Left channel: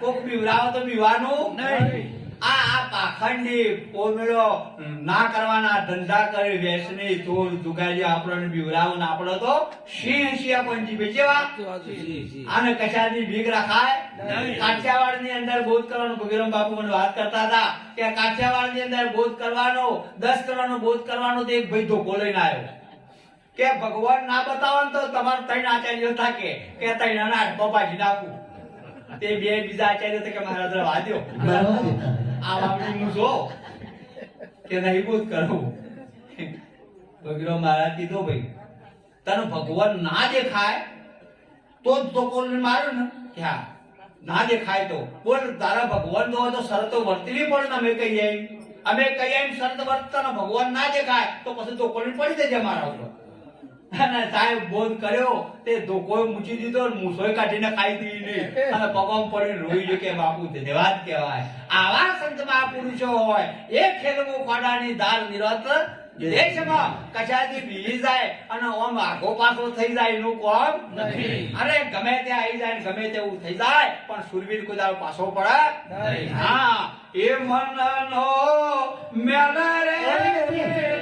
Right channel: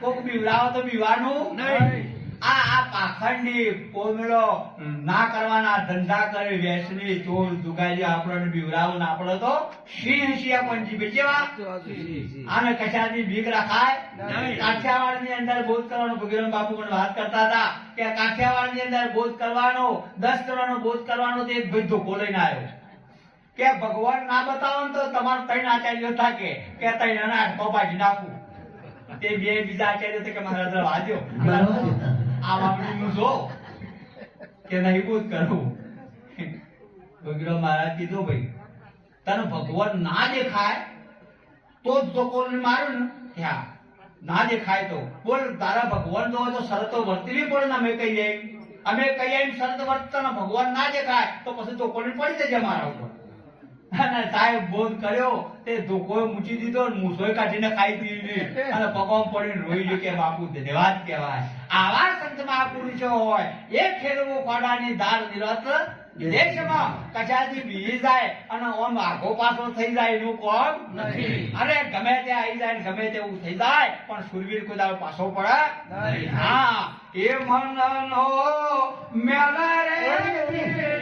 કોક બીવડાવો તો બીવાનું નહીં. આ આ પાખંડી પોમલો ના કરવાના ધંધા કરે વેસની ચોર જુગારી આપણને બીવડાવું ને આપણે તો સિંહ સિંહ પંજી બેચેવા આને કશાની ભીગ રખાય? કાઠિયાવાડની અંદર બોધ કરવાનો ભગીરામ બાપુ મને વાત કરતા હતા કે કાઠિયાવાડની અંદર બોધ કરવાનો દસ કરવાનો બોધ કરવાનો તો એક ભાઈ ધોકો લઈને આવ્યો કે ભગવાન ના બતાવો ને તો તમારે ત્રણ આચાર્ય થાકે કે ત્રણ અનાજ હાથમાં નાખું. તે બે બીજા આચાર્ય કે મારા વાદ્યો. આ વાપરી હું જો કે નહીં બોધ કરું. વગેરે મહારાજ કીધો ભાઈ તને ભગવાન ના દેખાય તો જ તો કોઈને માર્યો ને. ત્યાં ના દેખાય તો. બોલ તારા ભગવાન જો હોય તો શરતો વર્તવી પડે ને અમે કહીએ. અમે કહીએ શરત વર્તતા ભગવાન ના દેખાય તો પછી તો કોઈને પડી જજે મારા ઉપર. અને સાહેબ બોધ કર્યો તે ધોકો મૂકી દીધો મૂસોય કાઢીને ખાઈ દીધી અને પગમાં પડીને રોઈ ગયો કે બાપુ ધન્યવાદ કહેવાય. આવા સંત મહાપુરુષો હોય એ ખેલવો ખોડાની દાળ નિરત. દેશમાં કશાથી બીજી જાય અને ઓમ આગો પાછો થઈ જાય એનું કોમ નથી. અરે ગમે તે આવી જાય ગમે તેવું થઈ જાય પણ સુરવીર કોઈ પાછો પડે હા. એ મનનો મેલા રે.